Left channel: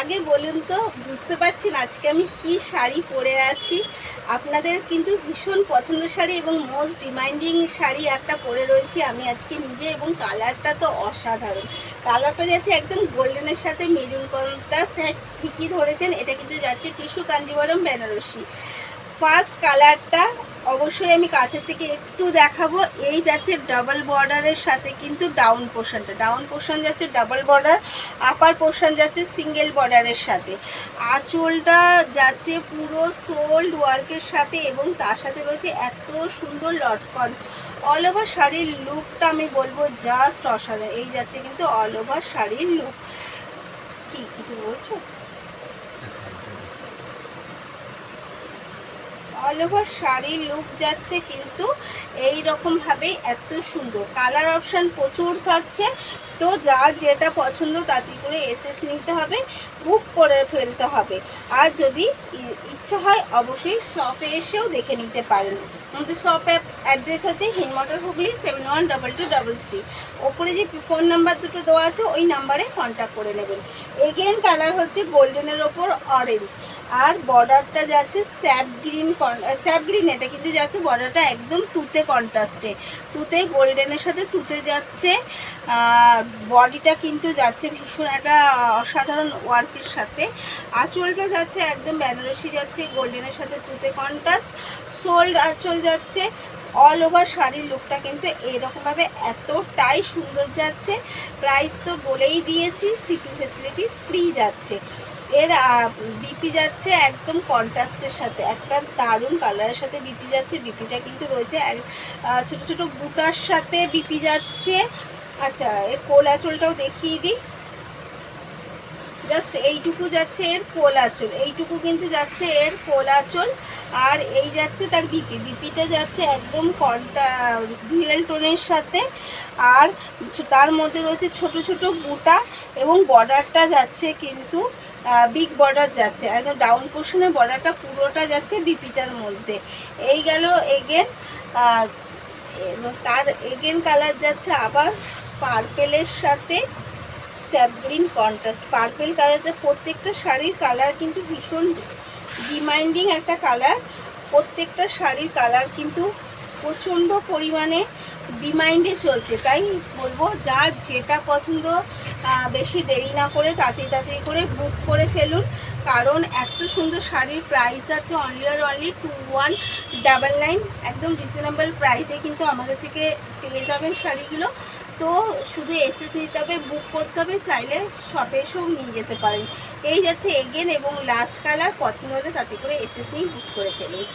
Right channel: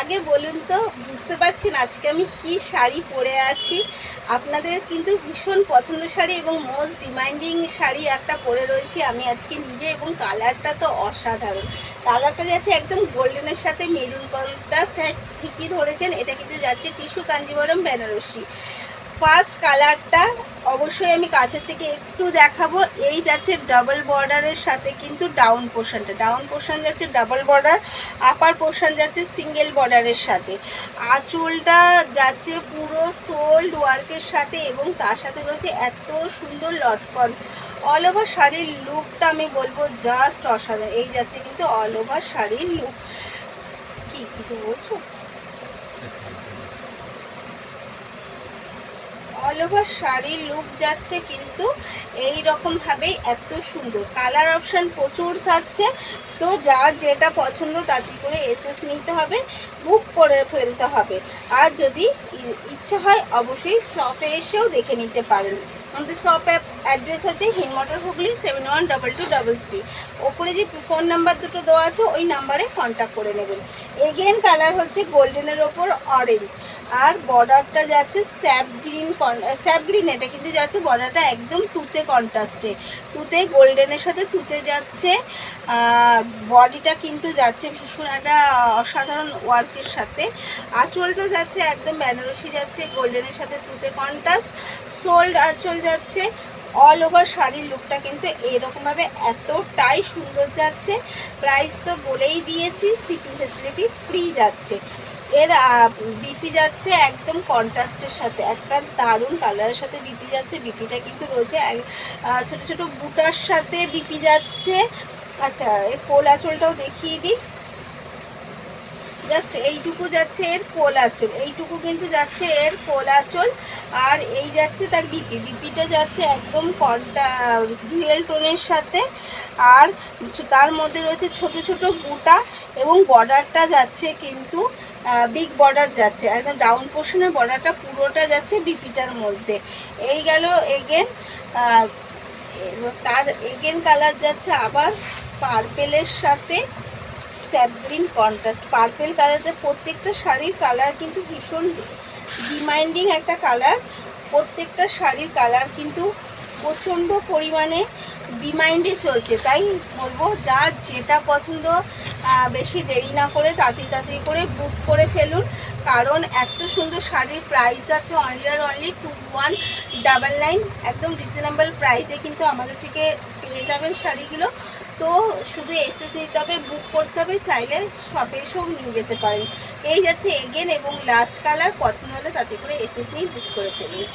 আগে বলুন তো, বুঝতে পারছেন আজকে আমি কি শাড়ি পরে আছি? আপনাদের কিন্তু ভীষণ পছন্দের শাড়ি এবং মোস্ট ডিমান্ডিং শাড়ি একটা পরে রয়েছি আমি আজকে নিজে, এবং কালারটা তো অসাধারণ। কালারটা যাচ্ছে একদম গোল্ডেনের সাথে মেরুন কন্ট্রাস্ট। হ্যাঁ, ঠিকই ধরেছেন, এটা কিন্তু যাচ্ছে টিস্যু কাঞ্জিবরম বেনারসি। ফার্স্ট কালারটা অবশ্যই আমি কাছের থেকে একটু দেখাবো। এই যাচ্ছে ডাবল বর্ডারের সাথে কিন্তু ডাউন পোর্শন যাচ্ছে ডাবল বর্ডার, আপার পোর্শন যাচ্ছে সিঙ্গেল বর্ডারের সাথে। আঁচলটা যাচ্ছে পুরো সোল্ড ওয়ার্কের সাথে এবং তার সাথে রয়েছে এত সুন্দর লটকন। অল ওভার শাড়ির লুকটা আমি বলবো জাস্ট অসাধারণ। এই যাচ্ছে কিন্তু অল ওভার শাড়ির লুক। কি কিছু বলছো? অল ওভার শাড়ির লুক যাচ্ছে কিন্তু এই রকমভাবেই এত সুন্দর। কালার অপশান প্রচুর থাকছে, তো যার যেটা পছন্দ তাতে করে এসএস নিতে হবে, বুক করে ফেলতে হবে। আর যদি ইচ্ছা হয় অবশ্যই শপে এসেও দেখে নিতে পারেন। আমাদের শপ অ্যাড্রেস হচ্ছে হিনমটর হুগলি 712233। ওপরে যে ফোন নাম্বার দুটো দেওয়া আছে ওই নাম্বারে কন্ট্যাক্ট করে নেবেন। এগেন কালার হচ্ছে গোল্ডেনের ওপর অরেঞ্জ, আর বর্ডারটা যাচ্ছে স্যাপ গ্রিন। এটা কিন্তু যাচ্ছে বর্ডারটা একদম তুতে কন্ট্রাস্টে, তুতে গোল্ডেনের সাথে তুতে যাচ্ছে। বডিটা কিন্তু যাচ্ছে ভীষণ একটা অসাধারণ ওয়ার্কের সাথে। আঁচলটা যাচ্ছে একদম বেনারসি যাচ্ছে গোল্ডেনের সাথে তুতে কন্ট্রাস্ট। সোল্ড আঁচল যাচ্ছে। অল ওভার শাড়ির লুকটা কিন্তু এইরকমভাবে এতটাই সুন্দর যাচ্ছে। প্রাইস তো বলেই দিয়েছি, শিপিং ফেসিলিটি ফ্রি যাচ্ছে। এর বিপি যাচ্ছে একদম কন্ট্রাস্টের সাথে, একটা দারুণ কালারের সাথে বিপি যাচ্ছে। বিপিটা কিন্তু রয়েছে ছোট ছোট বুটার সাথে বিপি যাচ্ছে। আচ্ছা, এর কোল আঁচলটাও দেখিয়ে দিই। জাস্ট এইটুকু যাচ্ছে এর কোল আঁচল, এইটুকু কিন্তু যাচ্ছে এর কোল আঁচল। আর এই যাচ্ছে তার বিপিটা যাচ্ছে একদম ডুয়েল টোনের সাথে। আর তার মধ্যে রয়েছে ছোট ছোট বুটা, এবং বর্ডারটা যাচ্ছে কিন্তু বিগ বর্ডার যাচ্ছে, একদম ডাউন পোর্শনের বর্ডারটা পুরোটা যাচ্ছে বিপিটার মধ্যে। এই গেল এগেন। তার এগেন কালার যাচ্ছে আবার পার্পেলের সাথে স্যাপ গ্রিন কন্ট্রাস্ট। পার্পেল কালারটা প্রত্যেকটা শাড়ির কালার কিন্তু ভীষণ ডিমান্ডিং একটা কালার। প্রত্যেকটা শাড়ির কালার কিন্তু প্রচণ্ড পরিমাণে ডিমান্ডে চলছে। তাই বলবো যার যেটা পছন্দ বেশি দেরি না করে তাড়াতাড়ি করে বুক করে ফেলুন, কারণ এত সুন্দর শাড়ির প্রাইস আছে অনলি আর অনলি 2199। একদম রিজনেবল প্রাইসে কিন্তু আমাদের থেকে পেয়ে যাবেন শাড়িগুলো। তো শুধু এসএস নিতে হবে, বুক করতে হবে, চাইলে শপে এসেও নিয়ে যেতে পারেন। এই যাচ্ছে এগেন এবং লাস্ট কালার, পছন্দ হলে তাতে করে এসএস নিয়ে বুক করে ফেলুন।